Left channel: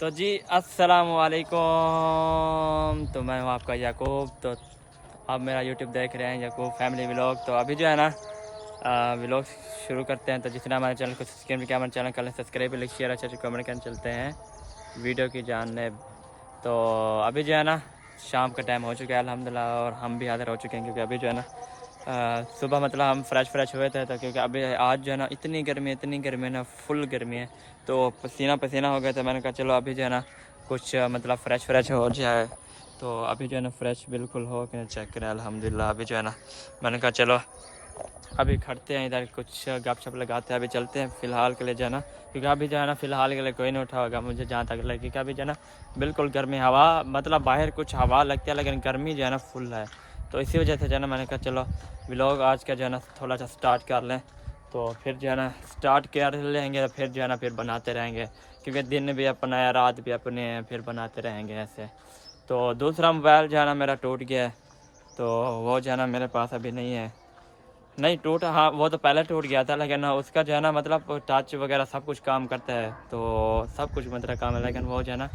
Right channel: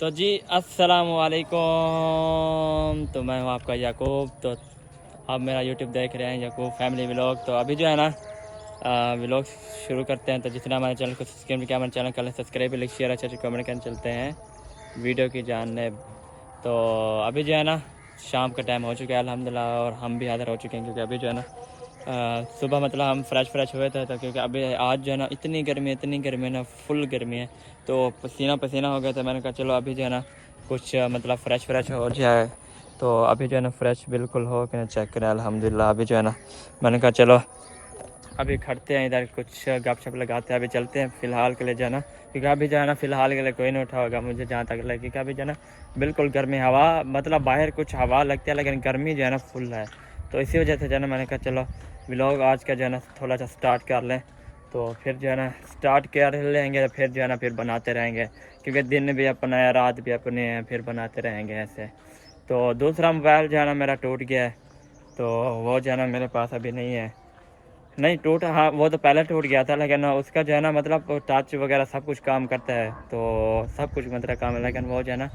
तो जी अस्सलाम वालेकुम। तो मैं हूँ आपका याकूब। तो आप मेरा यूट्यूब देख रहे हैं याकूब फैमिली व्लॉग। तो अभी जो है ना व्लॉग शुरू करते हैं। तो जितना हमारे चैनल को सब्सक्राइब किया हमारे चैनल कर सब्सक्राइब लाइक शेयर अच्छा कमेंट करके चलते हैं वीडियो की जानिब। तो अभी जो है ना शाम का टाइम हो चुका है अल्हम्दुलिल्लाह, और हम भी हाजिर हो चुके हैं क्योंकि अभी जो है ना सुबह मतलब हम फ्रेश हुए थे। तो क्योंकि अभी आज जो है ना इतनी गर्मी है ना, फुल गर्मी है, तो पसीना पसीना हो गया था। मैंने कहा चलो अभी जो है ना कुछ मतलब फ्रेश हो जाए। तो अभी जो है ना फ्रेश बिल्कुल हो के चेक करें अल्हम्दुलिल्लाह। अभी जो है ना मैंने कहा चलो अभी खड़ते हैं इधर, कुछ गपशप लगाते हैं, अभी चलते हैं फ़िलहाल के लिए जो है ना, क्योंकि अभी जो है ना फ़िलहाल के लिए कोई नहीं उठा होगा मुझे जहाँ तक लगे, क्योंकि अभी जो है ना बिल्कुल गर्मी हवा, मतलब बाहर कुछ हवा लगती है लेकिन गर्मी जो है ना फुल है। तो इसी वजह से जो है ना मैंने कहा चलो व्लॉग आज का जो है ना थोड़ा सा स्टार्ट कर लें। तो फिर जो है ना स्टार्ट कर लेंगे तो फिर जो है ना फिर बनाते रहेंगे, क्योंकि दिन भी अपना है रात भी अपने हैं, फिर बनाते रहेंगे ऐसे। तो दूसरा मोबाइल जो है ना मेरा टूट गया है, तो वो जो है ना मेरे पास अभी नहीं टूटा, हाँ वो तो पहले टूट गया था, लेकिन उसका जो है ना मतलब टच वगैरह सब कुछ काम करता है, तो सब कुछ मतलब काम है। लेकिन वो जो है ना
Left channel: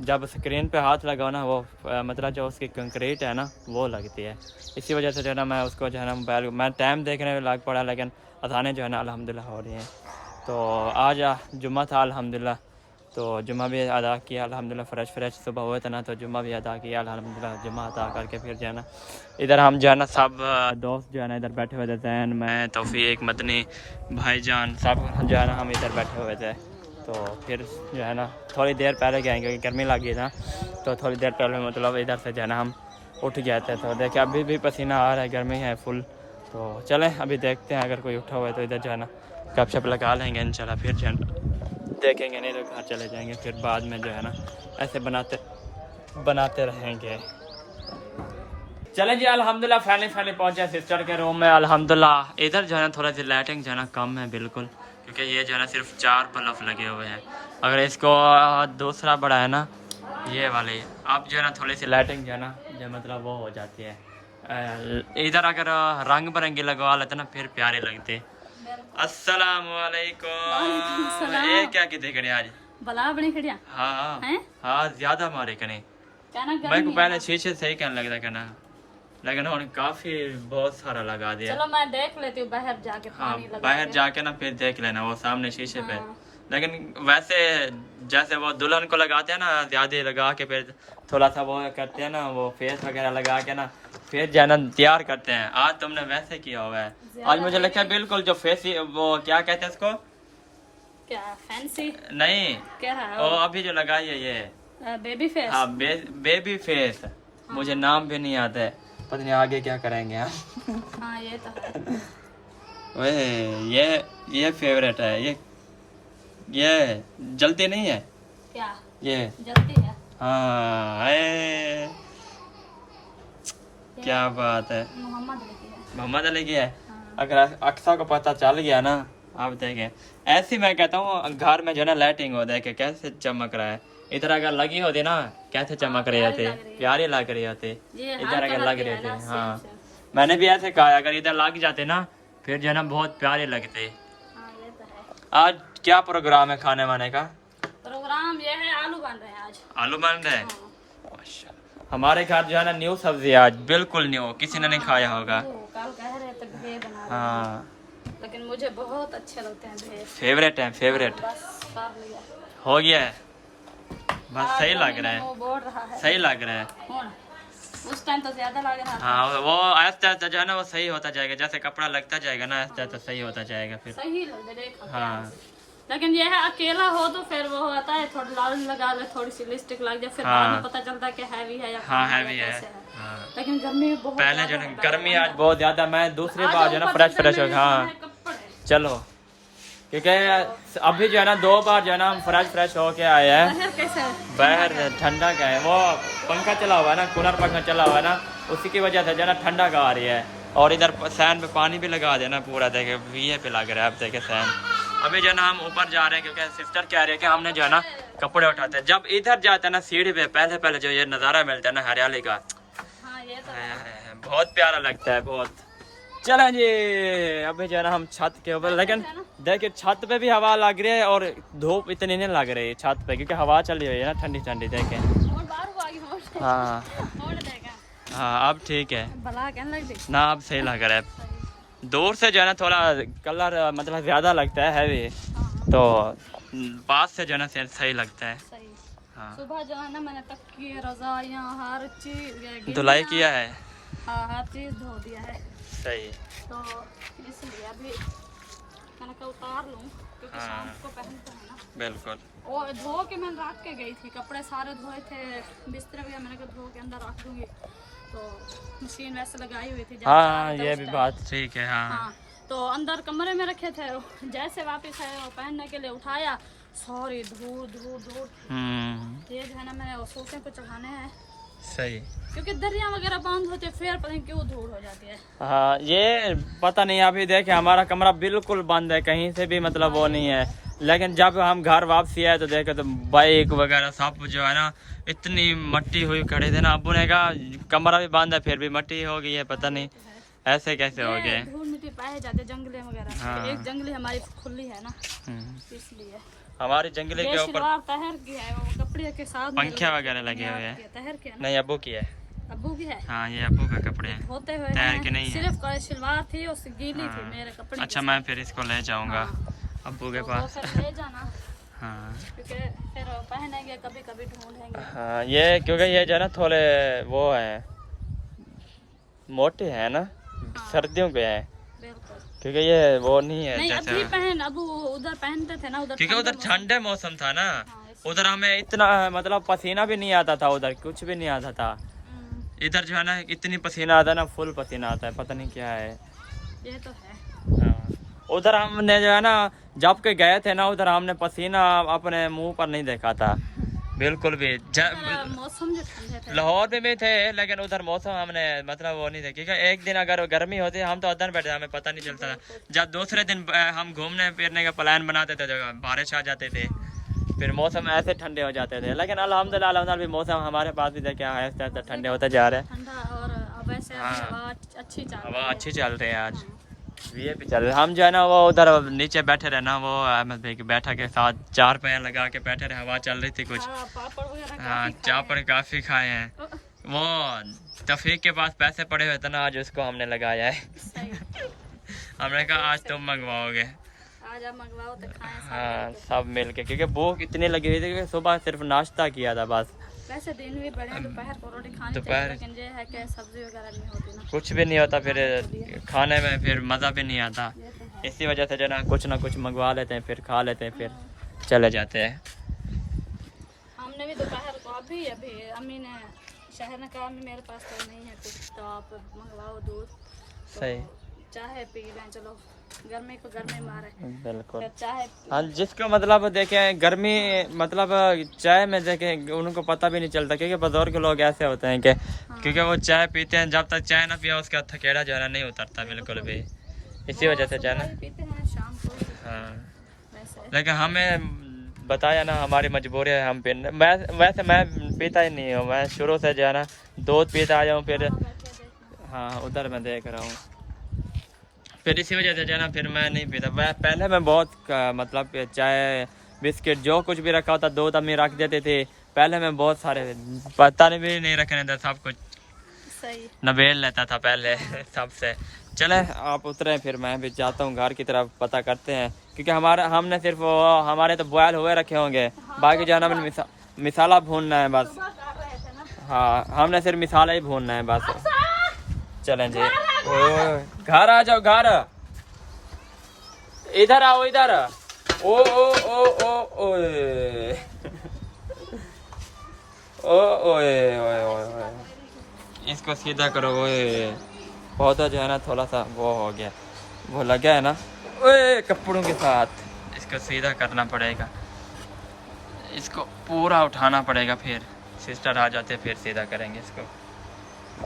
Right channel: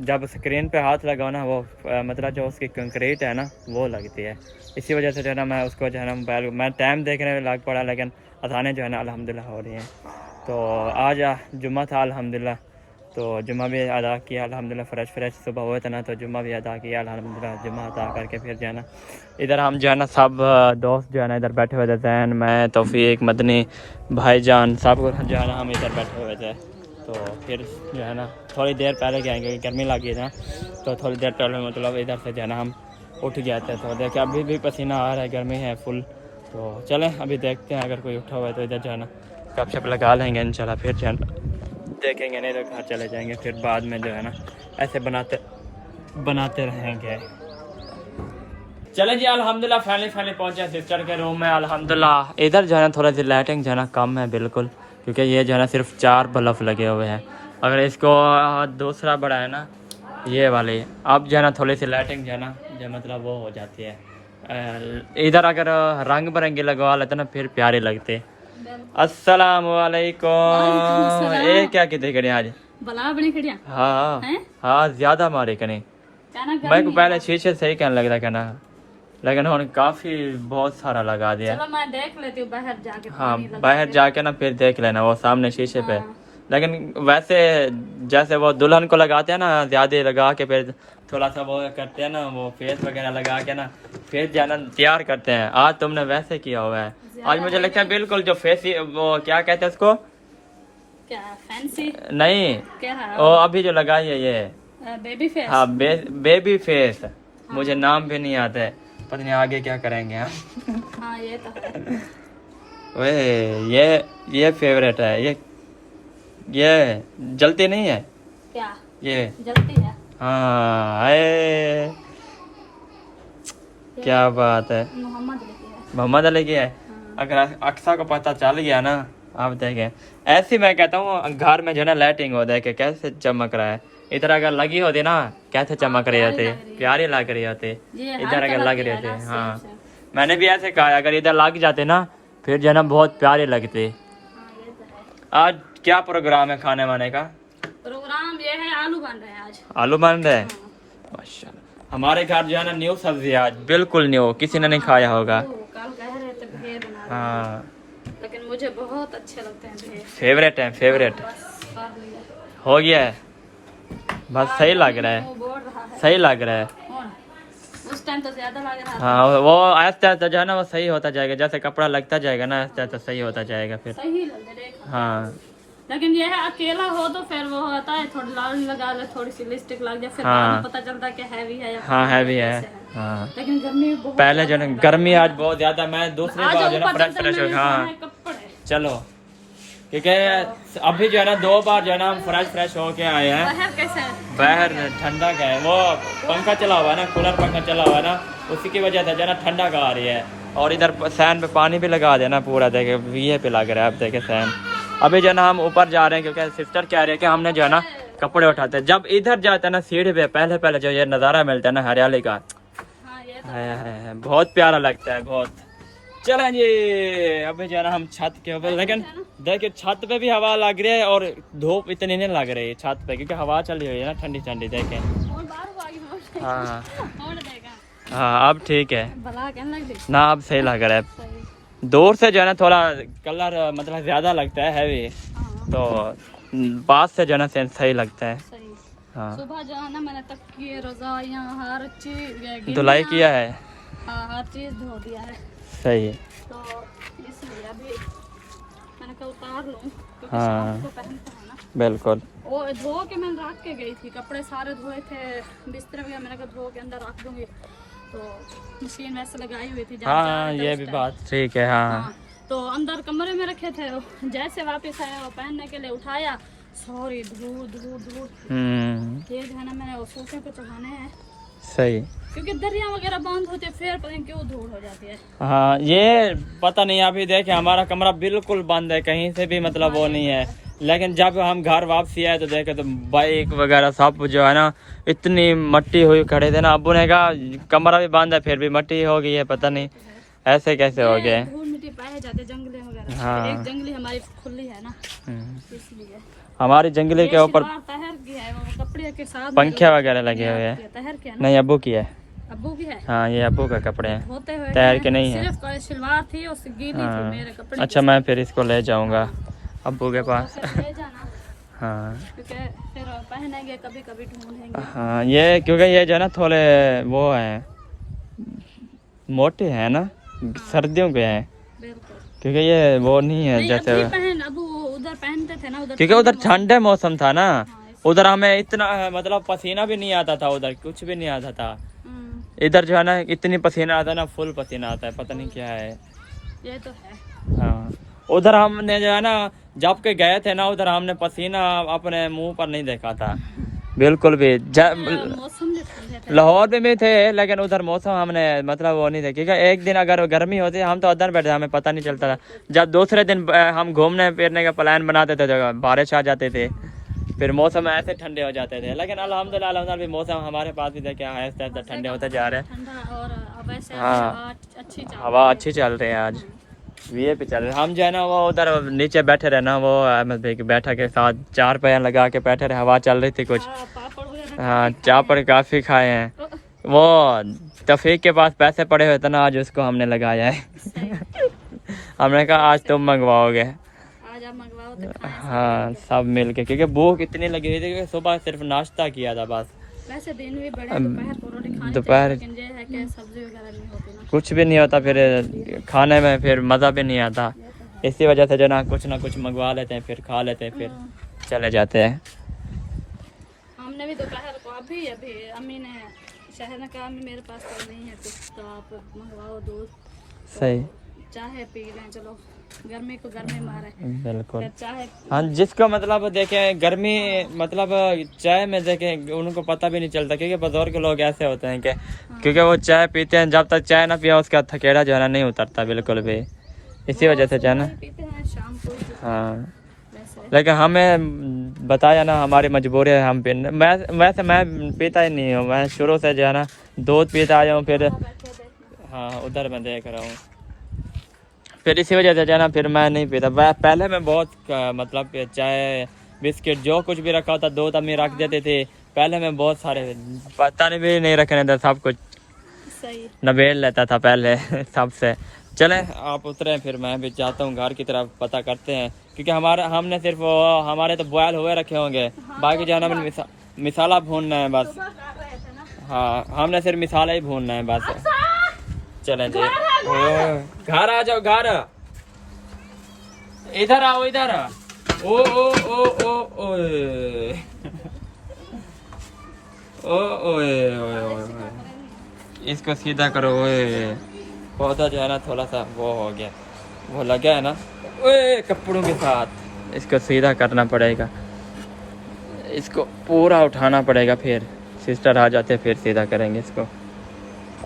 जब स्क्रीन पे हाथ लगाओ ना वो मतलब जो उसकी कंक्रीट है ना वो लगती है। इसी वजह से जो है ना मैं उसको जो है ना मोबाइल मैं टाइम देखने में लग पड़ा, लेकिन अजानें जो है ना अल्हम्दुलिल्लाह हो रही हैं। तो आज जुम्मा था अल्हम्दुलिल्लाह, तो जुम्मा भी अदा किया अल्हम्दुलिल्लाह। फ्रेश सुबह हुए थे ना, तो जुम्मा भी अदा किया अल्हम्दुलिल्लाह। जुम्मा अदा करके फिर जो है ना इधर हम जो है ना सब दोस्त जो है ना इधर बैठे हुए थे, जैन मैं तौफीक मदनी भाईजान सब जो है ना हम इधर बैठे हुए थे। तो फिर जो है ना थोड़ी देर पहले गए क्योंकि गर्मी लगी था, तो थोड़ी देर पहले मतलब इधर से जो है ना हम उठ गए थे। तो देखिए अभी भी पसीना आ रहा है, गर्मी है फुल। तो चलें अभी देखते हैं, अगर कोई उठा हुआ है तो इधर जो है ना गपशप लगा लेंगे इंशाल्लाह। फिर जो है ना देखेंगे, नहीं तो घर चले जाएंगे, फिर बाद में जो है ना ऐसे बनाते रहेंगे। चलें जी अल्हम्दुलिल्लाह फाइनली पहुंचे सिस्टर के रूम में अल्हम्दुलिल्लाह। इधर जो है ना थोड़ा सी लाइटिंग जो है ना कम है बिल्कुल, क्योंकि ये जो है ना सिर्फ 4 बल्ब लगे हुए हैं। अगर इसको दूसरा बड़ा है ना ये वाले, अब जो है ना थोड़ी सी लाइटिंग जो है ना जो मतलब वो हो जाती है। इधर अगर रंग बिरंगे लगवा लेते ना फिर प्यारे लगते। अस्सलाम वालेकुम। ये क्या कितने करें आज भला बनी खड़िया। हाँ हैं हाँ ज्यादा मारे कने। मैं को पहले शीशे सही कहने लगता कहना, लेकिन उन्होंने काफी बहुत सारा लगा दिया। चलो मैं देख लेती हूँ बाहर जाके। हाँ पानी लगा बाहर के। जाके ना फिर देख लेना वो सामने शीशे पे। हाँ। लेकिन वैसे जैसे वो दुल्हन को लगाते हैं ना ज्यादा लगा के फिर थोड़ा सा वो करते हैं ना, वो फेस वगैरह लगा के ना फिर जो है ना तैयार करते हैं। आज तुमने वैसे किया हुआ है। आज मुझे लगता है बिल्कुल जो फेस वो क्या कहते हैं उसको, क्या फैंसी नहीं क्या है वो अभी जो लगाई है ये बेबी फेस। हाँ बेबी फेस। मुझे नाम भी नहीं आता है, पता नहीं आगे क्या करेंगे हम। हाँ ये तो है। वे ये फेवरेट है ये जलती नहीं है क्या ये। जल्दी है। हाँ आए क्या बात है। मोहम्मद लिखी है। मोहम्मद अली की है। हाँ। अगर अक्सा को पता चल गया ना, आप देखें ऐसी मैं कहता हूँ घर में जो ना लाइटिंग हो देखे कैसे चमक रहा है। इधर अगर लगी होती ना कैसे चमक रही होती, प्यारी लग रही होती। इधर अगर लग रही होती हाँ मैंने भी ऐसे कहा अगर इधर लग जाते ना फिर जो है ना बहुत प्यारी लगती। आज क्या प्रोग्राम है खाने वाने का? प्रोग्राम ये है आलू बन रहे हैं आज। आलू बन रहे हैं माशाल्लाह। हमारे घर जो है ना न्यू सब्जी है आज, बिल्कुल न्यू, किसी ने नहीं खाया होगा। कल कह रहे थे भेड़ बना, हाँ लेकिन मुझे बहुत अच्छे लगते हैं भेड़। फेवरेट है फेवरेट। बस कर लिया। हो गया है बस, सही लग रहा वो है बोल रहा है। सही लग रहा है। कौन? उस टाइम तो ज्यादा लग रहा था। हाँ वो आहिस्ता आहिस्ता जो है ना वो सही होता जाएगा, जैसे कपड़ा लगता जाएगा ना आहिस्ता आहिस्ता सही होता जाएगा फिर। सही लग रहा है। हाँ लेकिन ये है अकेला हो तो फिर वो होता है थोड़ी लाल लगा ले, थोड़ी सी लिपस्टिक लग जाए, फिर हाँ। बाद में पता चलता है कि हैवी है या हाँ हैवी है कैसे है। हाँ। लेकिन गर्मी बहुत पहले जो है ना गर्मी आज बहुत ज्यादा, मैं दूसरी बार जो है ना फ्रेश हो हाँ कपड़े। चलो क्योंकि अभी जो है ना 2 बार जो है ना हम फ्रेश होके आए हैं। बाहर कैसे है? बाहर ठंडा का है, वो पंखा चला हुआ है ना, कूलर पंखा चला हुआ है ना, उसी की वजह से जो है ना ठंडा का आ रही है। और इधर सैन पे पानी भी लगा देना पूरा, देखे वीए पे लग रहा है। अब देखे सैन अभी जो है ना हम ऊपर जा रहे हैं क्योंकि सिस्टर कह रही है कि हमने जो है ना कपड़े उठाते हैं। जब इधर जाते हैं ना सीढ़ी पे पहले जो ये नज़ारा मिलता है ना हरियाली का, हाँ ये तो बहुत प्यारा लगता है बहुत। चलें जी अभी जो है ना हम छत के ऊपर, लेकिन देखिए छत पे भी हवा लग रही है और धूप इतनी नहीं लग रही है छत पे, क्योंकि हवा चली हुई है ना ठंडी ठंडी। देखें हाँ हाँ अब ठीक है ना, अब सही लग रहा है। दूर से जो है ना थोड़ा कलर मतलब ज़्यादा लगता है हैवी, तो पास से जो है ना सही लगता है। हाँ सुबह जो है ना मैंने तकिए रज़ाइयाँ हर चीज धुलाई किया है। हाँ हर चीज धो दिया है। सही है। तो इसलिए अभी मैंने कहा उतार लूँ क्योंकि हाँ शाम को पहनते हैं ना। बिल्कुल। वो धो के मैंने रख के गई थी, कपड़े सारे धोए थे, बिस्तर भी मैंने कहा धो के अंदर रख दूंगी, तो मशीन वैसे लगाई हुई थी। हाँ हाँ ये भी बात ठीक है। हाँ तो अंदर कमरे में रखे थे, जैसे वापस आया वो पहनने के लिए उठाया, सॉरी धूल धूल धूल। ये जो है ना मैंने वो सोफे को चढ़ाने हैं। सही, क्योंकि दरिया वगैरह बंद होते फिर पता नहीं क्यों धूल हो जाती है। हाँ ये पता नहीं। अभी देखे हमारा कमरा बिल्कुल बंद है, कहीं से भी मतलब वो नहीं है, लेकिन जब हम घर वापसी आए तो देखे तो बाइक वगैरह सब जो है ना इतनी मट्टी हुई खड़े थे ना। अब्बू ने कहा कमरा भी बंद है फिर भी मट्टी हो गई है, पता नहीं ऐसे कैसे हो गए। धूल मिट्टी पाए जाते जंगले वगैरह। हाँ एक जंगली हमारी खुली है ना इसलिए। हमारी जंगली के ऊपर तहर की है, वो कपड़े के साथ पंखे वगैरह लगे हुए हैं। तहर के नहीं अब्बू की है। अब्बू की है। हाँ ये अब्बू का कपड़े हैं, होते हुए तैर के नहीं है। सिर्फ सलवार थी उससे गीली थी मेरे कपड़े। अच्छा मैं फिर इसको ले जाऊंगा अब्बू के पास। ले जाना हाँ क्योंकि फिर पहनेंगे कभी कभी ढूंढेंगे। हाँ ये क्योंकि ये जो है ना थोड़े वो है मोटे हैं ना, सर्दियों के हैं, बिल्कुल। क्योंकि ये वो नहीं है जैसे अब उधर पहनते थे ना, उधर क्योंकि उधर ठंडे मौसम था ना, उधर हमें इतना मतलब पसीना भी नहीं आता था, उधर कुछ भी नहीं आता था। इधर जो है ना इतनी पसीना आता है ना, फुल पसीना आता है, पता नहीं क्या है। ये तो है। हाँ उधर हमने जो है ना जब के गए थे ना उधर हमने पसीना अपने मुंह पर नहीं देखा था बिल्कुल भी। मौसम लाहौर में भी थे लेकिन उधर मौसम हमने मतलब वो नहीं थे, क्योंकि एक दिन अगर गर्मी होती हम तो उधर बैठे हमें पता नहीं चलता था। जब दूसरे दिन हम घूमने फिरने का प्लान बनाते थे तो बारिश आ जाते थे, फिर मौसम ऐसे ठंडे हो जाते थे। लेकिन अल्हम्दुलिल्लाह भी मौसम हमारे पास भी देखे आहिस्ता आहिस्ता ठंडे होते जा रहे हैं। हाँ हवा अच्छी चल रही है आज, ये भी चल रहा। हम जो है ना वो उधर नीचे बैठे रहे ना, वो अहमद भाई के बैठा के साथ चार पैर लगा के बैठे रहे, हवा चल रही थी कुछ। हाँ चापड़ काफ़ी खाए हैं। वो तफीक के पास पैसे पड़े हुए थे ना, आज उसको हमने लगाया है। हमने कहा आज तुम मंगवाओगे, आज आप मंगवाओ तो खाएं। हाँ सब मिल के, क्योंकि भूख इतनी लगी हुई थी कि सुबह सिर्फ नाश्ता किया था बस। वैसे दिन भी बड़े, दोपहर को रोटी खानी दोपहर चाहिए, लेकिन ये है कि सब्जी वगैरह नहीं होती ना, कुछ भी नहीं होता, फिर खाने में फिर मज़ा भी नहीं आता। इसी वजह से जो ना कुछ मंगवा लेते हैं, फिर खा लेते हैं, फिर चले जाते हैं। हमने भी दोपहर को अभी अम्मी ने शहर ने कहा मेरे पास तो नहीं है कुछ, तो आप मंगवाओ दूध, सही चाहे पी लें, चलो गर्मी को गर्मी मारे। बिल्कुल। चाहे हाँ जिसको मतलब देखें गर्मी मतलब चाय में देखें उनको पता भी नहीं चलता, क्योंकि बुजुर्ग लोग ऐसे होते हैं कि क्योंकि वो चाय पीते हैं, जब तक चाय ना पिया उसका थकेड़ा जो है ना नहीं उतरता बिल्कुल भी, इसी वजह से जो है ना पीते हैं शाम को। हाँ लेकिन हमें बताया ना हमारी मजबूरी है, हम पीने मैं पीता ही नहीं हूँ। मैं शुरू से जो है ना दूध पीता आया हूँ, फिर हाँ उधर मैं देख रहा हूँ, फिर इसी वजह से जो है ना फिर मैं नहीं पीता। पहले मैं बहुत मतलब चाय बिस्किट जो कुछ भी रखा होता दूध अम्मी रख देते थे, पहले मैं बहुत सारे पता नहीं रखने था, सब कुछ नबेल लेता था पहले सबसे। चलें आप उतरे, फिर मैं भी जाता हूँ घर की तरफ, पता करते हैं, क्योंकि हमने सिर्फ हमारे तो बॉयल हुए रखे होंगे, बाकी जाना मैंने मिसाला भूनना है बस। हाँ हमने सिर्फ मिसाला ही भूनना है बस। चलें जी घर आ जाओ, घर इधर आओ, इधर ओ ओ ओ ओ ओए ओ ओए ओए, इसको सीधा करो। ओए पौधा जो है ना थोड़ा सा वो हो गया, वो लगा है ना ओए कपड़ों के साथ, इसको सीधा करना पड़ेगा, इसको पूरा उठाना पड़ेगा, फिर सिस्टर आ जाते फिर सीधा करेंगे इसको।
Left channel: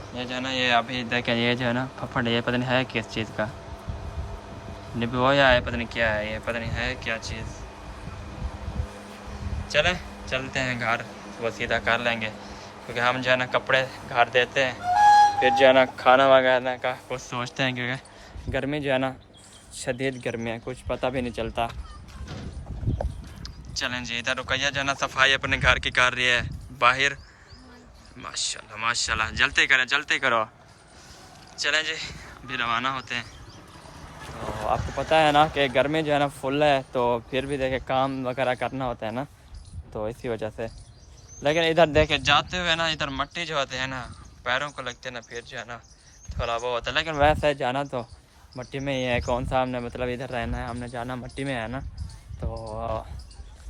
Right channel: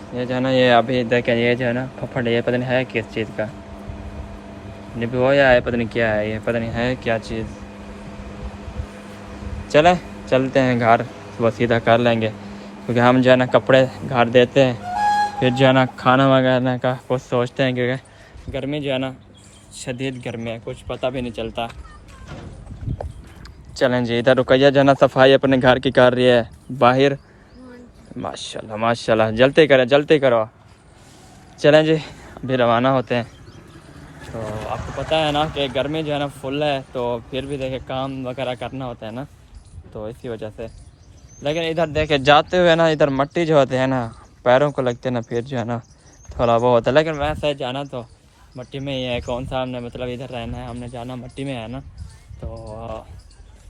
ये जो है ना ये अभी देखें ये जो है ना फफड़, ये पता नहीं है किस चीज़ का, निभोया है पता नहीं क्या है, ये पता नहीं है क्या चीज़। चलते हैं घर, वो सीधा कर लेंगे, क्योंकि हम जो है ना कपड़े घर देते हैं, फिर जो है ना खाना वगैरह का कुछ सोचते हैं, क्योंकि गर्मी जो है ना शदीद गर्मी है, कुछ पता भी नहीं चलता। चलें जी, इधर रुकैया जो है ना सफाई अपने घर की कर रही है बाहर। माशाल्लाह माशाल्लाह, जलते करो। चलें जी, अभी रवाना होते हैं। तो आपको पता है ना कि गर्मी जो है ना फुल है, तो फिर भी देखे काम वगैरह करना होता है ना, तो इसी वजह से। लेकिन इधर देखे जाते हुए ना, इधर मट्टी जो होते हैं ना पैरों को लगते हैं ना, फिर जो है ना थोड़ा वो होता है। लेकिन वैसे जाना तो मट्टी में ही है, कौन सा हमने मतलब इधर रहना है, हमने जाना मट्टी में है ना। तो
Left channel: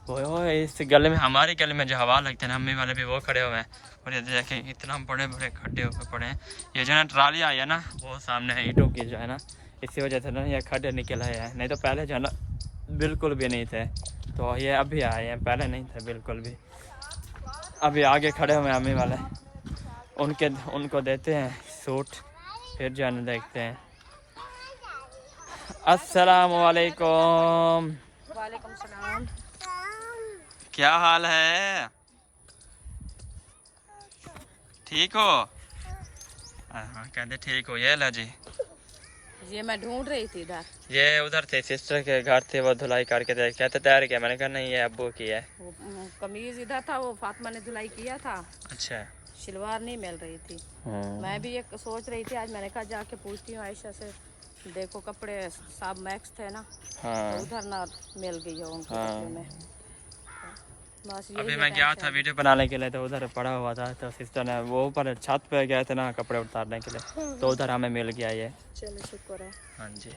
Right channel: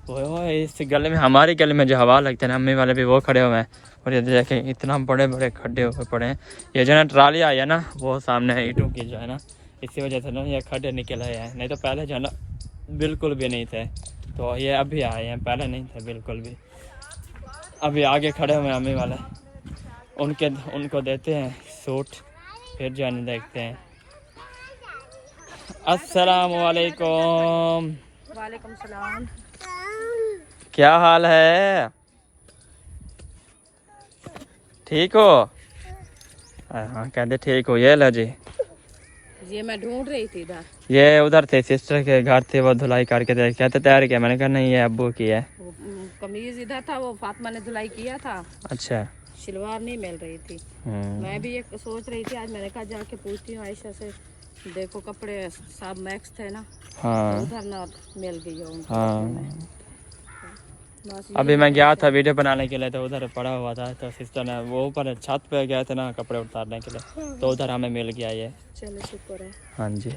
वो इस गली में, हमारी गली में जो हवा लगते हैं ना, अम्मी वाले भी वो खड़े हुए हैं। और ये देखें इतना बड़े बड़े खड्डे हुए पड़े हैं। ये जो है ना ट्राली आई है ना, वो सामने है ईंटों की जो है ना, इसी वजह से ना ये खड्डे निकल आए हैं, नहीं तो पहले जो है ना बिल्कुल भी नहीं थे। तो ये अभी आए हैं, पहले नहीं थे बिल्कुल भी। अभी आगे खड़े हुए हैं अम्मी वाले, उनको देते हैं सूट, फिर जो है ना देखते हैं। अस्सलाम वालेकुम। वालेकुम सलाम। क्या हाल है, ठीक हो? हाँ कहते ठीक हो। ये लो जी, ये मैं ढूंढ रही थी इधर। ये उधर थे सिस्टर के घर थे, वो धुलाई करके दे कहते तैयार किया। मैंने कहा नहीं ये अब्बू की है। वो कमीज इधर था, वो फातिमा ने धुलाई किया था। अच्छा। शलवार नहीं मिल रही थी। मैं भी ये सोच रही थी, आज मैंने कहा जाके पूछती हूँ आयशा से, देखो कपड़े सब मैक्स थे ना। हाँ तो उधर ना मिल गई है उनको। हाँ। बस अभी मैं गया था वीडियो बनाने के लिए, तो उधर पड़ा हुआ था, तो सिस्टर ने वो ऊपर छत पे गए थे ना कपड़े उतारने के लिए, तो उधर हमें मिल गया ये। चलो शुक्र है। हाँ जी।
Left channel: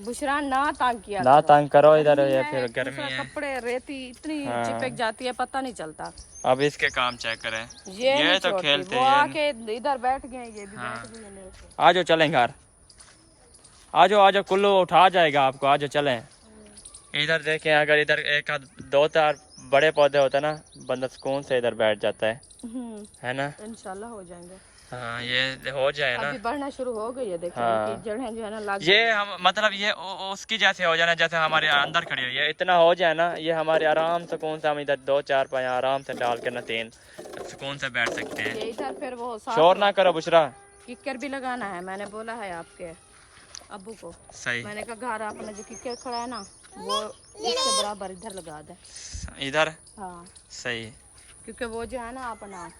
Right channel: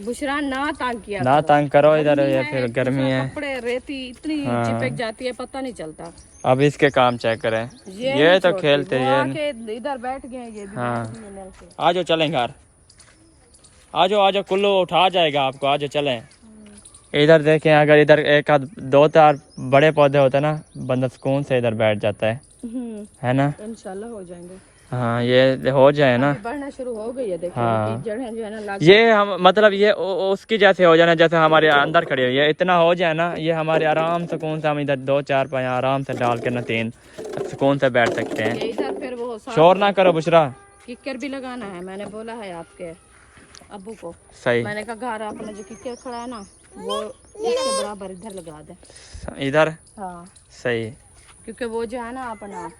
बुशरा ना तंग किया ना करो। तंग करो, इधर ये फिर गर्मी है, कपड़े रेती इतनी चिपक जाती है, पता नहीं चलता। अब इसके काम चेक करें। ये ये तो छोड़ती, खेलते वो ये। आके इधर बैठ गए, ये भी हाँ। बैठ गए नल से। आ जाओ चलें घर, आ जाओ कुल्लू उठा जाएगा आपको, आ जाओ चलें। इधर देखें, अगर इधर एक आध दो चार बड़े पौधे होते ना, बंदा सुकून से इधर बैठ जाता है ना। इंशाल्लाह हो जाएंगे। हाँ ये हो जाए ना, बढ़ना शुरू हो गई है, देखो हाँ। जड़ें जो है ना लग ये हम मतलब ये उसकी जैसे हो जाना, जैसे हमारे अंदर खड़ी हुई है, इतना हो जाए ना, ये हमारे आराम सुकून से हम इधर दो चार पाए आराम से डाल के ना तीन सुकून से बैठ सकते हैं। ये इधर फिर वो शोर ना करो बुशरा। किक्कर भी लगाना है, मैंने बोला है आपके अब्बू को। सही। मैंने कहा घर अपना जो किक्कर खड़ा है ना, वो उसके बराबर इधर लगा दे। इधर हाँ सही, क्योंकि वो जो है ना अपना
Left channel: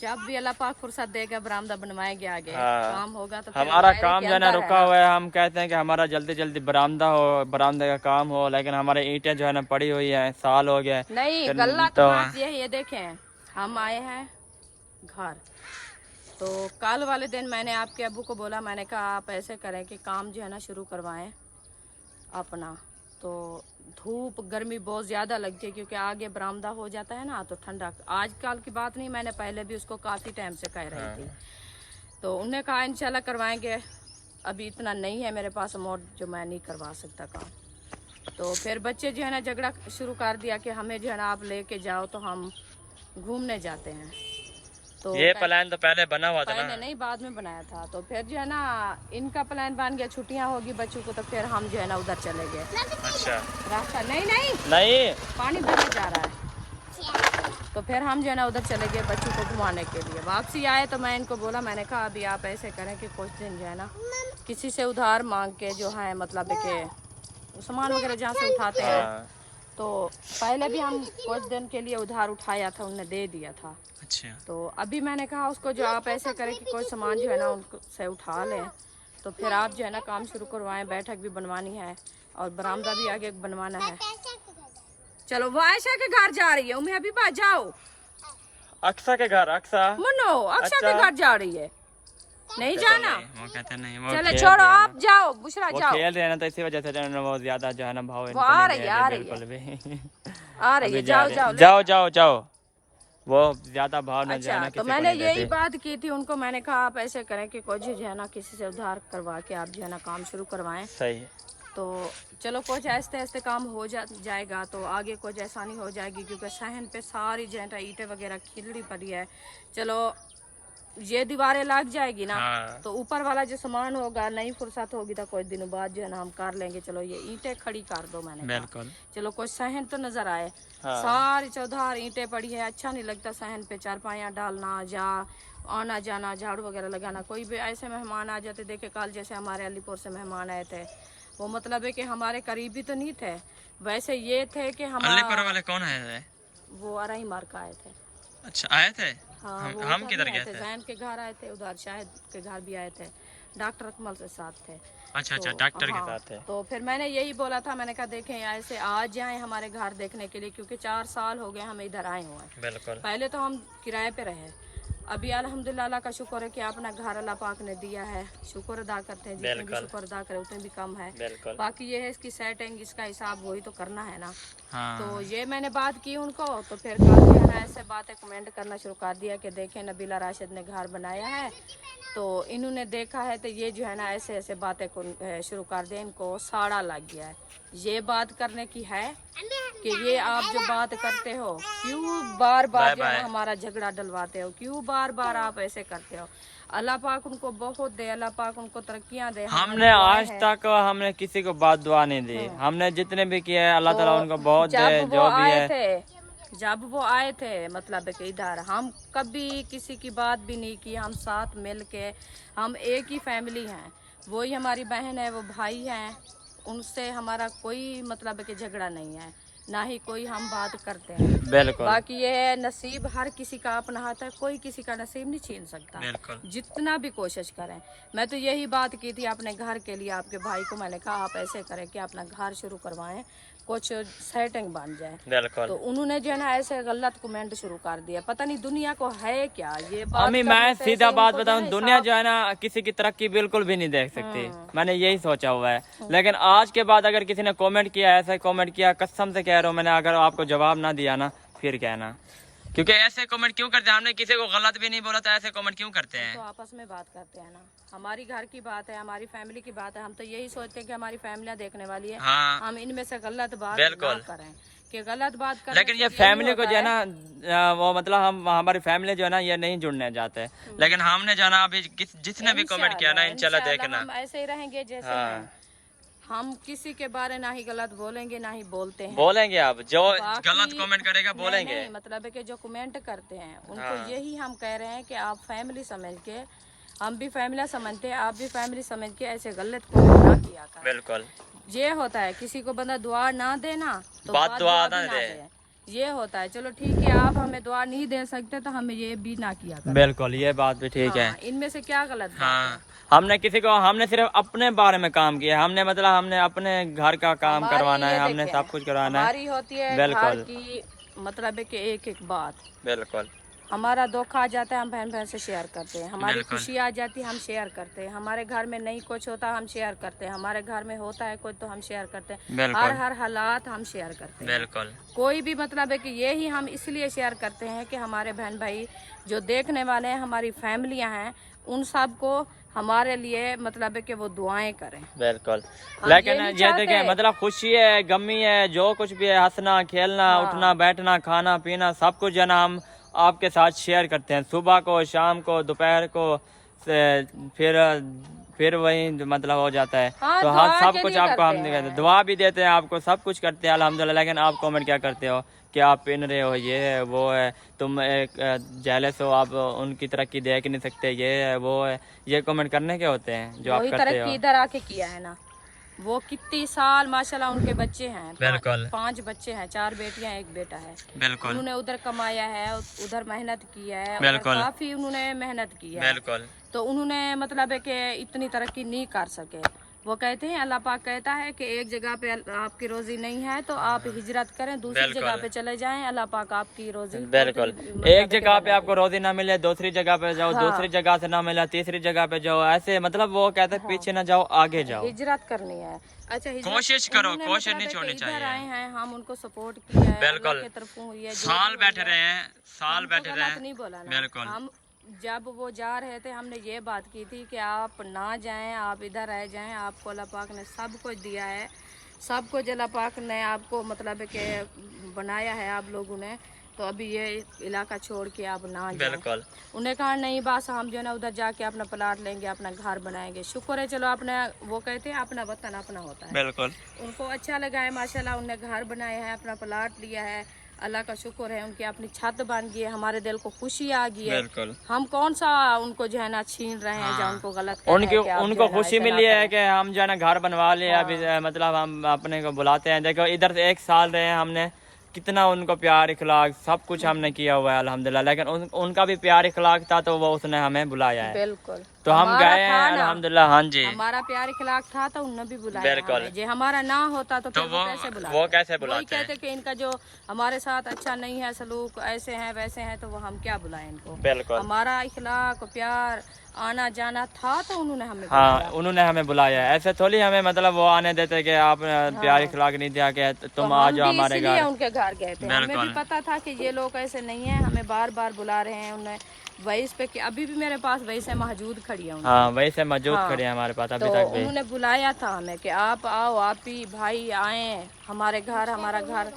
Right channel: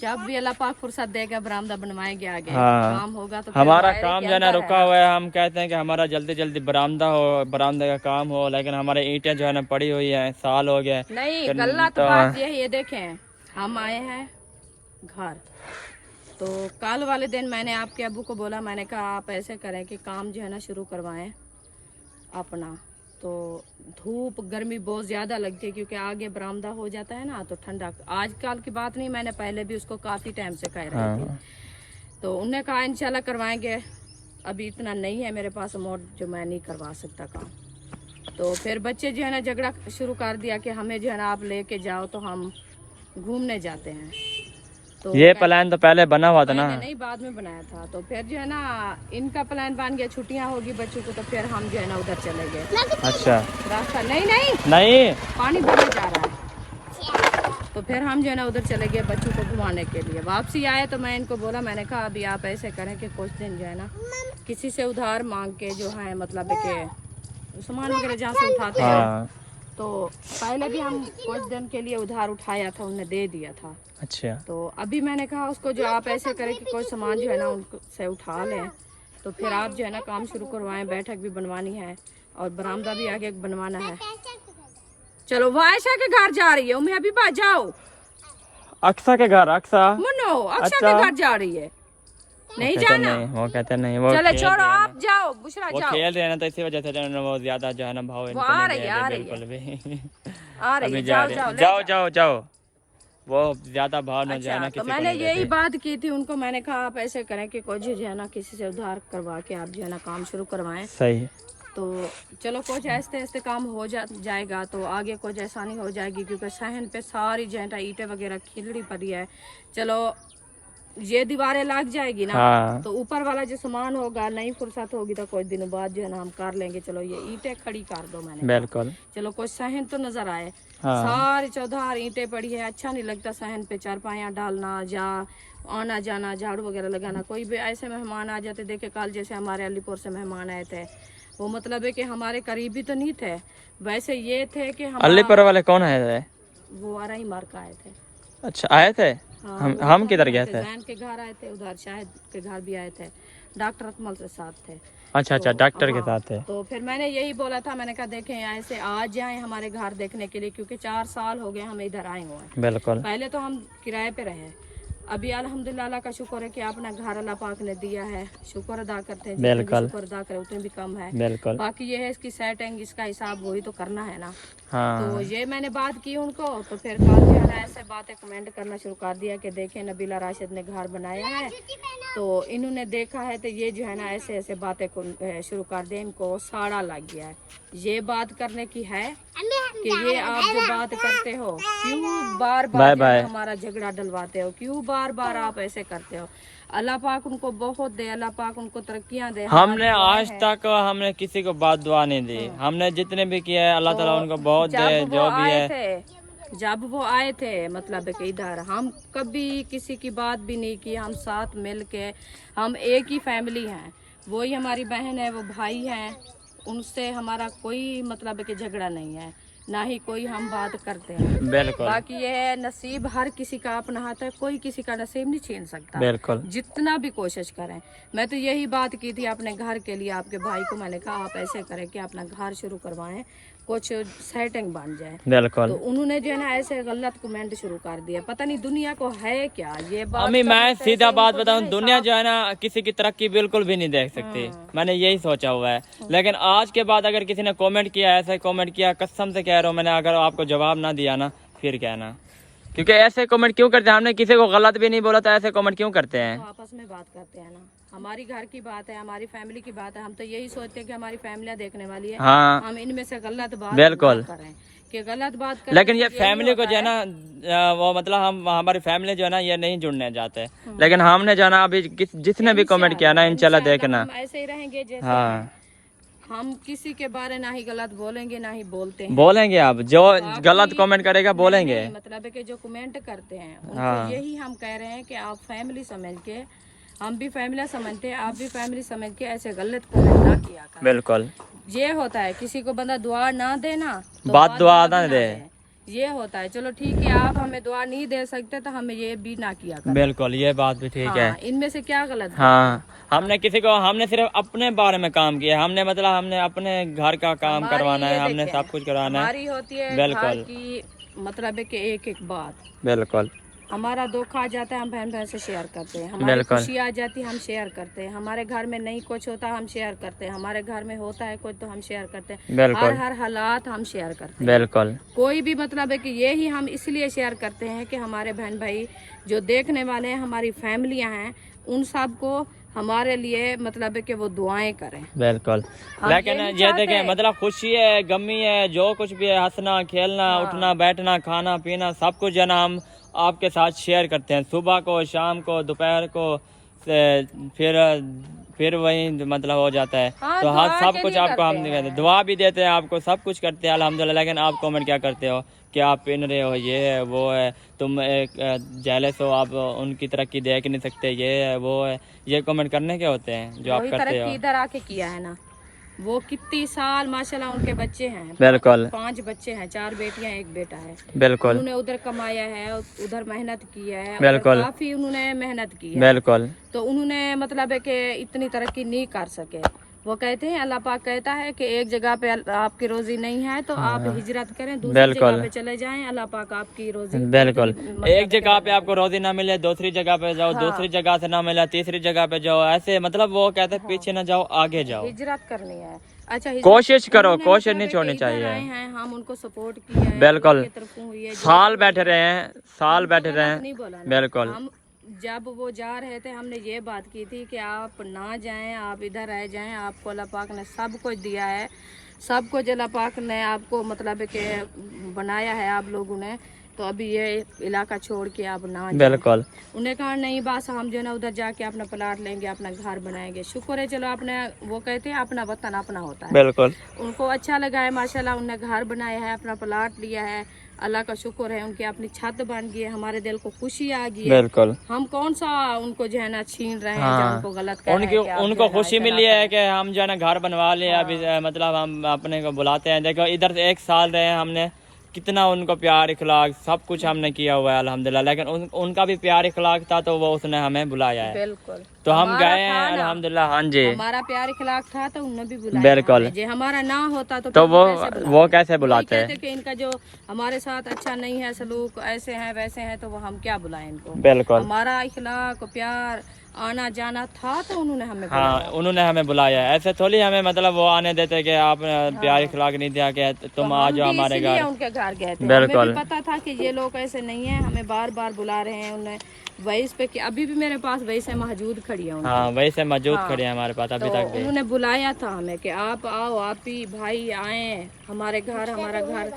जब भी अल्लाह पाक फुर्सत देगा बरामदा बनवाएंगे आगे। हाँ। काम होगा तो फिर हमारा बाहर काम के जो है ना अंदर रुका हुआ है, हम कहते हैं कि हमारा जल्दी जल्दी बरामदा हो, बरामदे का काम हो, लेकिन हमारे ईंटें जो है ना पड़ी हुई है, साल हो गया। नहीं गलत बात ये है, ये देखें हम आए हैं घर, तो कल वाले दिन मैंने आपके अब्बू को बोला, मैंने कहा आप ऐसे करें कि काम जो है ना शुरू करवाएं अपना। तो धूप गर्मी बहुत ज़्यादा लगती है, क्योंकि आगे बरामदा हो जाता है ना, तो ठंडा। आजकल की बात नहीं, मैंने पहले भी उसको काफ़ी टाइम से कह रही थी। तो उन्होंने कहा इंशाल्लाह करवाएंगे, अभी इतना नहीं है मेरे पास अमाउंट जो मैं नहीं करवा सकता काम। तो फिर बच्चे जो है ना झगड़ा शुरू कर दिया कि हमें जो है ना आप लेके जाओ, तो हम घूमने जाते हैं। तो ये प्लान तो पहले बना हुआ था ना, नहीं बाद में बनाया था। तो फिर जो है ना इनका प्लान बन गया, छुट्टियां होगी बच्चों को, तो फिर हम जो है ना उधर चले गए। अच्छा। रास्ता नहीं पानी भरने जा रहा है, तो फिर हम जो है ना उधर चले गए बच्चों को घुमाने के लिए। वापसी आए तो मैं इनको बोला, मैंने कहा अभी आप ऐसे करें कि कुछ दिन जो है ना किसी से उधार मांग के जो है, मतलब कि सामान वगैरह जहाँ से उठाते हैं, तो पहले भी हम कुछ दिन के लिए उधार उठाया था, उन्हें दे दिया था। अच्छा। तो अभी मैंने कहा उसको जो आप ऐसे करें कि कोई सामान जो है ना उनसे उठा लें, तो फिर आप जो है ना काम शुरू करवाएं। बैठक भी बनवानी है और बरामदा भी आगे बनवाना है। चलो वो आयशा के घर जा रही है, उम्मी अभी बात जाओ। अक्सा के घर, अक्सा मुन्नो अक्सा के घर जा रही है, नहीं जाना। वो कहते नहीं, वो चलो छोड़ो आप जाओ, बुशरा वो जाओ। खेल रहे हैं ना, तो इसी वजह से जो है ना वो ज्यादा जो है ना भाव इनको नहीं दे रहे बिल्कुल भी। अभी जा रहे, जाओ वो ज्यादा भाव न जो है ना तो किसी को मैंने नहीं यही देती। बात की थी उनको, मैंने कहा आप ऐसे करें कि कुछ जो है ना किसी से उधार करवा के आप जो है ना काम शुरू करवाएं। सही। तो चलो कुछ ऐसे ऐसे काम हो जाएगा, तो आगे कुछ आसानी हो जाएगी, क्योंकि सहन पे सारी जेंटा ईंटें वगैरह खिलड़ी पड़ी है। चलो ये दीवारें लग जाएगी ना, हाँ। तो ऊपर वाला जो सामान होगा, नहीं फुर्सत होगी तो कुछ दिनों बाद जो है ना हम कर लेंगे। चलो ये ईंटें खड़ी कर दो, मैंने कहा। बिल्कुल। चलो कुछ सहन तो नजर आए। हाँ। सारी चौधार ईंटें पड़ी है, अच्छा नहीं लगता सहन पे चारपाइयाँ डालना या आना जाना, झाड़ू वगैरह लगाना। कोई भी ऐसे मेहमान आ जाते, देखे कल जैसे हमारे अलीपुर से मेहमान आए थे, वो मतलब है कि हमारे करीबी तो नहीं थे, वैसे ये थे कि हम अलीपुर वाले कौन आए थे? वो आरही मार का आए थे। अच्छा, आए थे। हाँ, हम किधर गए थे? जैन के घर आए थे, उधर शाहिद के घर भी आए थे, डॉक्टर अकमल से साथ थे। अच्छा अच्छा, तो डॉक्टर के हाँ, साथ थे। तो फिर मैंने यही बोला था, मैंने कहा देखें ऐसे आ जाएं हमारे घर देखने के लिए, क्योंकि 4 साल हो गए हम इधर आए हुए हैं। बिल्कुल। पहले तो हम किराए पे रहे, अभी अल्हम्दुलिल्लाह अल्लाह का शुक्र है कि अपना घर अल्लाह पाक ने दिया है, शुक्र अदा करते हैं, जितने भी बिल्कुल। शुक्र अदा करें उतने भी कम है। बिल्कुल। बाकी ये है इसकी सेटिंग, इसका हिसाब वही तो करना है ना। हाँ। तो ये मैंने बात की उनको, तो फिर कल जो है ना ऐसे बातें कमेंट करना शुरू कर दिया कि देखें नबीला राशिद ने घर बनाया है, तो इन्होंने देखा है, तो ये जो है ना ऐसे ऐसे बातें शुरू कर दिया, इनको साड़ा लग गया है। ये बात करने की है कि ये आप जो बात करते हो, क्यों बार बार हमारा झगड़ा डलवाते हो, क्यों बार बार आप ऐसे करते हो। अल्लाह पाक उनको बहुत दे, अल्लाह पाक उनको तरक्कियां दे। हमने आज तक हमने किसी को बात दुआ नहीं दी, हमने जितने भी किए हैं अल्लाह ताला उनको बहुत दे, जो भी है। जब वो आए थे मतलब कि इधर, हम कभी किसी की बात भी नहीं की, हम साथ मिल के, हम एक ही फैमिली हैं, वही हमारी बहन है, वो भाई हैं, उनसे हमारा कोई मतलब कि झगड़ा नहीं है, ना ही कोई हम बात करते हैं। बिल्कुल। बाकी ये है नसीब हर किसी का अपना हाथ है, कोई किसी का नसीब नहीं छीन सकता, बिल्कुल। जितना भी कोशिश करें। मैं तो यही बात की थी अपने घर के लिए, आपके भाई को मैंने कहा आप ऐसे करें कि अपना घर शुरू करवाएं, कुछ सेटिंग बन जाए। बिल्कुल। तो उन्होंने जो है ना ऐसे गलत कमेंट शुरू कर दिया, पता नहीं दुनिया को है क्या ये बात। अम्मी मैं सीधा बात बताऊं, दुनिया जो है ना किसी की तरक्की बिल्कुल भी नहीं देख सकती, मैंने यही सोचा हुआ है। लेकिन आज के बाद अगर किसी ने कमेंट किया, ऐसा कमेंट किया, कसम से कह रहा हूँ मैंने, अगर आपको जवाब ना दिया ना फिर कहना, क्योंकि ऐसे कमेंट क्यों करते हैं? हमने किसी को गलत भी नहीं बोला, तो ऐसे कमेंट क्यों करते हैं? तो आपस में बात करते हैं ना, हमारी घर की बात है, हमारी फैमिली की बात है, हम तो यही सोचते हैं कि हमारी फैमिलियां देखने वाली है। हाँ। हम इनमें से गलत बात बिल्कुल ना करें कि गलत बात करें। लेकिन ये फैमिली को जो है ना, वो मतलब हम हमारी फैमिली जो है ना ये नहीं जुड़ने जाते, लेकिन हमने जो है ना अभी जिसने भी कमेंट किया ना, इंशाल्लाह देखना हम ऐसे ही रहेंगे जैसे हाँ। हम किसी के बारे ना ही गलत बोलेंगे ना ही बोलते हैं। बोलेंगे आप जो गलत कमेंट करेगा बोलेंगे। नहीं, मतलब है कि जो कमेंट करते हैं उनको हाँ। यही हम कह रहे हैं कि आप फैमिली समझ के, हम भी फैमिली समझते हैं, आप भी फैमिली समझ के ऐसे गलत कमेंट ना किया करें। बिल्कुल ये होता है, किसी को बंदा दुआ ना देना तो बात दुआ ना भी दे, ये होता है। चलो ठीक है, आप हमें दुआ नहीं दे सकते तो हमें ये भी ना किया करें। बिल्कुल ये बात भी ठीक है। हाँ, इनमें से क्या गलत बात हाँ, हमने किसी को, हमने सिर्फ अपने बारे में काम किया, हमने मतलब हमने अपने घर का काम हमारी करवाना है, ये हमने देखें, सब कुछ करवाना है। हमारी होती है बिल्कुल। घर की मतलब है कि एक एक बात, बिल्कुल। हमारा दुख आ जाता है हम बहन बहन से शेयर करते हैं, हमारी बिल्कुल। खुशी आ जाती है हम शेयर करते हैं, हमारे घर में नहीं कुछ होता हम शेयर करते हैं, हमारे घर में होता है कुछ तो हम शेयर करते हैं। बिल्कुल। हर हालात हम शेयर करते हैं। बिल्कुल। कोई भी मतलब है कि ये ही हम इसलिए शेयर करते हैं कि हमारे बहन भाई जो देखने वाले हैं, हमारी फैमिलियां हैं, उन सब को हमारे लिए मतलब है कि वो दुआएं करें। बिल्कुल। हम लेकिन ये नहीं ये देखें, चाहते। मतलब खुशी है, गमी है, जो कुछ भी है, हंसना खेलना उठना बैठना खाना पीना सब कुछ जो है ना हम आपके साथ शेयर करते हैं, सुबह को शाम को दोपहर को फिर वही मतलब हो जाता है। हाँ, तो हाँ दुआ सब के कुछ लिए आपको हम करते हैं। दुआ भी देते हैं, आपको सब कुछ करते हैं अल्हम्दुलिल्लाह। लेकिन आप कमेंट क्या करते हो कि आप पिन रहे हो, ये है वो है, तुम एक जेलस हो, आप उनकी तरक्की देख नहीं सकते, ये है वो है, ये कमेंट करने के होते हैं जो आप वही करते हो। तरक्की इधर आके किया है ना, वो कितनी साल माशाल्लाह उनके बच्चे हैं, बिल्कुल। 5 बच्चे हैं, 4 बेटियां 1 बेटा है। बिल्कुल। उन्होंने उधर कमाया है, उधर मेहनत की है, उधर बिल्कुल। काफी उन्होंने मेहनत की है। बिल्कुल। तो उन्होंने मतलब है कि इतनी तरक्की नहीं कर सके। वो कहते हैं, अल्लाह पाक कहता है कि एक जगह पे आपकी रोजी नहीं है तो आप हिजरत करें, दूसरी जगह पे चले जाएं, अल्लाह पाक आपकी रोजी। बिल्कुल। एक जगह पे आपको रोजी ना मिले, दूसरी जगह पे जाओ, दूसरी जगह से ना मिला, तीसरी जगह पे जाओ, ऐसे मतलब वो कहते हैं पीछे ना जाओ आगे जाओ, हिजरत करनी है। अच्छा, कोशिश करो, उन्होंने कोशिश मतलब नहीं है छोड़नी कि इधर चाहिए। आए हैं, हम उनको सपोर्ट किया है, बिल्कुल। उनकी तरफों हुई है, जो साल बैठे रहे हैं, साल बैठे रहे नहीं बोला हैं। ना। बिल्कुल। हम जब वो जा रहे थे हमने ये बात की थी कि आप ना जाएं, आप इधर रह जाएं, आपको अल्लाह पाक ने सब कुछ दिया है, सब कुछ अल्लाह पाक ने आपको मतलब है कि बनाया है आप लोगों ने, तो अभी ये इलाका छोड़ के अब ना जाएं। बिल्कुल। उन्हें कहा नहीं बस हम जो है ना उधर जाके अपना प्लाट लेंगे, अपना घर बनाएंगे। शुक्र है चलो अपने, वो कहते हैं अपना वतन अपना होता है। बिल्कुल। उनको अच्छा लगा है माशाल्लाह, उन्होंने घर बनाया है, अपना प्लाट लिया है, अल्लाह का शुक्र है, उनकी अपनी छत बन गई है, हमारे दिल को खुशी आ गई है। बिल्कुल। हम कौन सा उनको जो है ना छीन रहे हैं, हाँ। या उनको गलत कह रहे उनकी हैं कि आप उनको जो है ना खुशी इतना मिली है करें। कि हम जो है ना घर बनवा लिए। अभी मतलब हम अपने को बुलाते हैं। देखो इधर से 1 साल रहे हैं हमने, कितना उनको प्यार इखलाक सब कुछ हमने किया हुआ है अल्हम्दुलिल्लाह। लेकिन उनका भी प्यार इखलाक था तो वो उसने हमें बुलाया है। बिल्कुल। तो हम हमारा गए हैं था ना, अल्हम्दुलिल्लाह। हाँ जी, हमारा प्यार इखलाक था तो उन्होंने भी बुलाया बिल्कुल। हमें। जे हमारा ना होता तो तो फिर वो कैसे वही बुलाते कहते हैं। कि इनका जो हमारे साथ अच्छा नहीं है, सलूक ऐसे हैं वैसे हैं, तो वो हम क्या बुलाएं इनको। बिल्कुल। हमारा इखलाक प्यार आना जाना था तो उन्होंने हमें हाँ, बुलाया। उन्होंने हमें बुलाया है। ऐसे थोड़ी हमें मतलब वो आने देते कि आप प्यार इखलाक नहीं दिया कि तो तुम हम आ जाओ भी हमारे इसलिए घर। उनके घर गए थे। हमें बिल्कुल। भी पता था कि ये लोग ऐसे नहीं है, हमें बार बार बुला रहे हैं। उन्हें वहीस पे कि अभी भी मेरे पास वहीस मौजूद खड़ी है उनकी। हाँ, वही से मौजूद हाँ। खड़े हैं हमारे पास अभी तो तक भी। उन्होंने बुलाया था हमें कि आप आओ, आप ही भाई आए हमारे घर, हमारा घर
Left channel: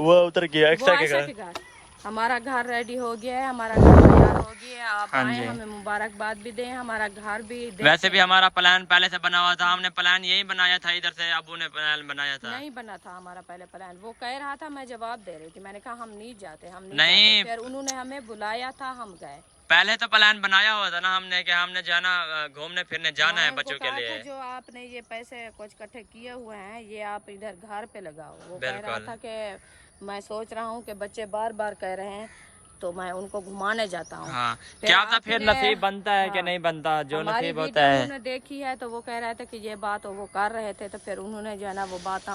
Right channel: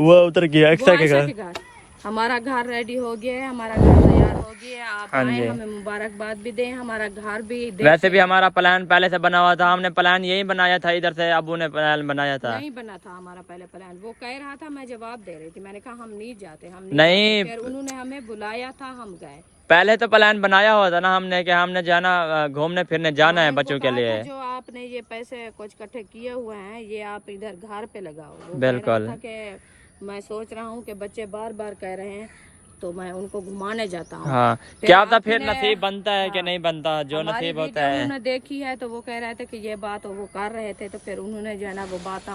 वो उतर गया वो ऐसा के घर, हमारा घर रेडी हो गया है, हमारा घर तैयार हो गया है, आप हाँ आए, जी। हमें मुबारकबाद भी दें, हमारा घर भी वैसे भी हमारा प्लान पहले से बना हुआ था। हमने प्लान यही बनाया था, इधर से अबू ने प्लान बनाया था। नहीं बना था हमारा पहले प्लान। वो कह रहा था, मैं जवाब दे रही थी, मैंने कहा हम नहीं जाते, हम नहीं। जाते। फिर उन्होंने हमें बुलाया था, हम गए। पहले तो प्लान बनाया हुआ था ना हमने कि हमने जाना घूमने फिरने जाना है मैंने उनको बच्चों के कहा लिए। था, जो आपने ये पैसे कुछ इकट्ठे किए हुए हैं ये आप इधर घर पे लगाओ। वो कह रहा बिल्कुल। था कि मैं सोच रहा हूँ कि बच्चे बार बार कह रहे हैं तो मैं उनको घुमाने जाता हूँ। हाँ, फिर क्या पता फिर आपने- नसीब बनता है कि नहीं बनता, जो हमारी नसीब होता वीडियो है। उन्होंने देखी है तो वो कह रहे थे कि ये बात वो कर रहे थे, तो फिर उन्होंने जो है ना वो बात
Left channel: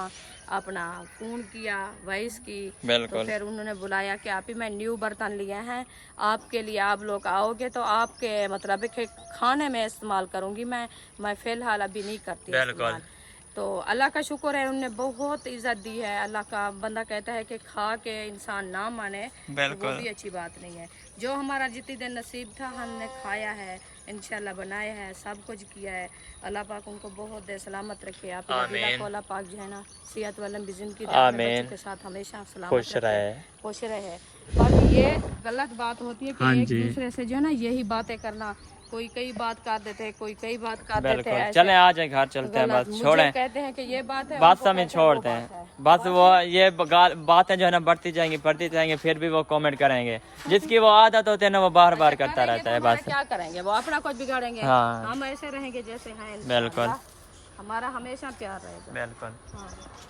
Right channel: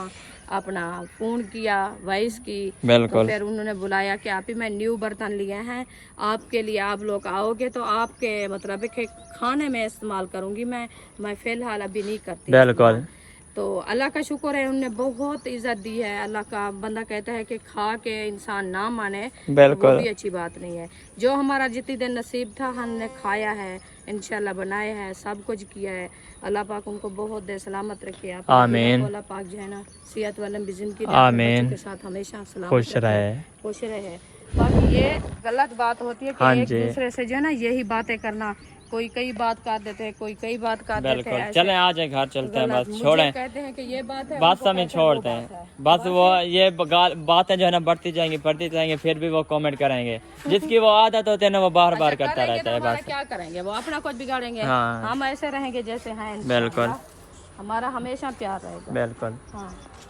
अपना फोन किया, वॉइस की। तो बिल्कुल। फिर उन्होंने बुलाया कि आप ही मैं न्यू बर्तन लिए हैं आपके लिए, आप लोग आओगे तो आपके मतलब के खाने में इस्तेमाल करूंगी मैं फिलहाल अभी नहीं करती बिल्कुल। इस्तेमाल। तो अल्लाह का शुक्र है, उन्होंने बहुत इज्जत दी है। अल्लाह का बंदा कहता है कि खा के इंसान ना माने तो वो बिल्कुल। भी अच्छी बात नहीं है। जो हमारा जितनी दिन नसीब था हमने खाया है, इंशाल्लाह बनाया है, सब कुछ किया है। अल्लाह पाक उनको बहुत दे सलामत रखे। आप आमीन। अल्लाह पाक जो है ना सेहत वाला जिंदगी दे, अपने बच्चों के साथ हमेशा सलामत रखे, खुश रहे। बाकी ये गलत बात होती है कि हाँ एक जी। दूसरे से जो है ना यही बातें करना, कोई कई बात कर देते हैं, कोई कई बात कर देते बिल्कुल। हैं। चलें आ जाए घर चलते हैं, बस मुझे छोड़ें कहते हैं कि ये बात है, बात उनको सब में कहते हैं वो छोड़ते बात हैं। है। बस वो ये बातें जो है ना बढ़ती जाएंगी फिर भी वो कमेंट करेंगे। जिसकी वो आदत होती है ना वो बार बार करता करेंगे रहता तो है। हमारा बस क्या करेंगे, वो अपना कुछ बिगाड़ेंगे। हाँ। हम ऐसे रहेंगे जैसे हैं, बिल्कुल। इंशाअल्लाह। हमारा हमेशा प्यार रहेगा। बिल्कुल। हाँ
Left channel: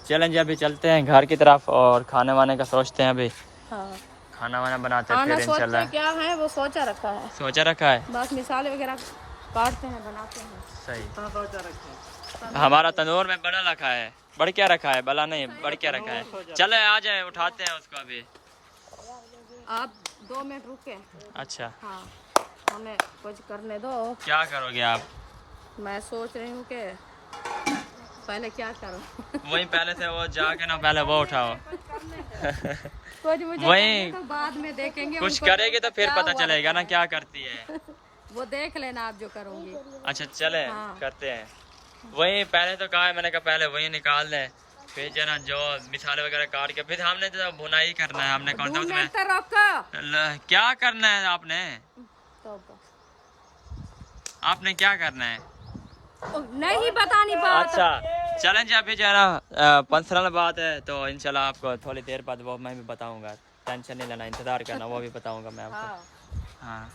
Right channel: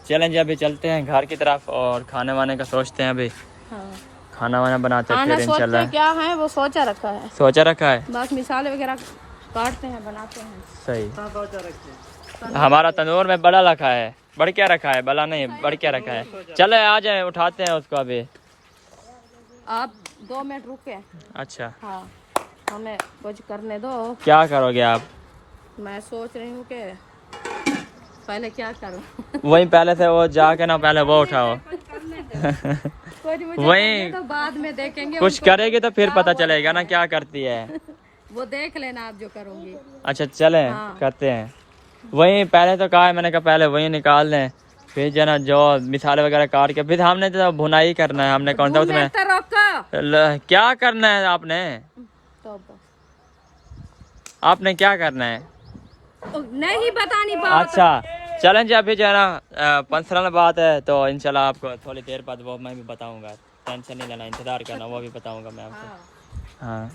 चलें जी, अभी चलते हैं घर की तरफ और खाने वाने का सोचते हैं। अभी हाँ, खाना वाना बनाते हैं खाना फिर सोचते इंशाल्लाह। क्या है वो सोचा रखा है, सोचा रखा है। बस मिसाले वगैरह काटते हैं, बनाते हैं। सही। हमारा तंदूर में बड़ा रखा है, बढ़ क्या रखा है, बड़ा नहीं बढ़ क्या रखा है। चले आ जाए, उठाते हैं उसको अभी। आप 2 मिनट रुके। अच्छा, हाँ, हमें कुछ करने दो। क्या करोगे आप। मैं सोच रही हूँ कि पहले क्या करूँ। वही पहले से वो जाके ना पहले वो उठाओ। कुछ मुझे वही करने दो, बाद में देखेंगे। कुछ उनको करेगी तो फिर पता चलेगा ना क्या करती है। वो देख लेना आप जो करूँगी। अच्छा चले हाँ। करते हैं। वही पहले तो कहा है मैंने, कहा पहले वही निकाल लें, फिर जो है ना जो मिसाले वगैरह काट के फिर हमने तो भुनाई करना है। हमने कौन सा उसमें क्या करना है आपने क्या करना है नहीं बता नहीं पाओ। अच्छा चलें जी, अभी जो है ना पर्सनल बात है तो इंशाल्लाह आपको थोड़ी देर बाद वो मैं भी बताऊंगा। टेंशन नहीं लेना, इंतजार करना, वो भी बताऊंगा मैं आपको। हाँ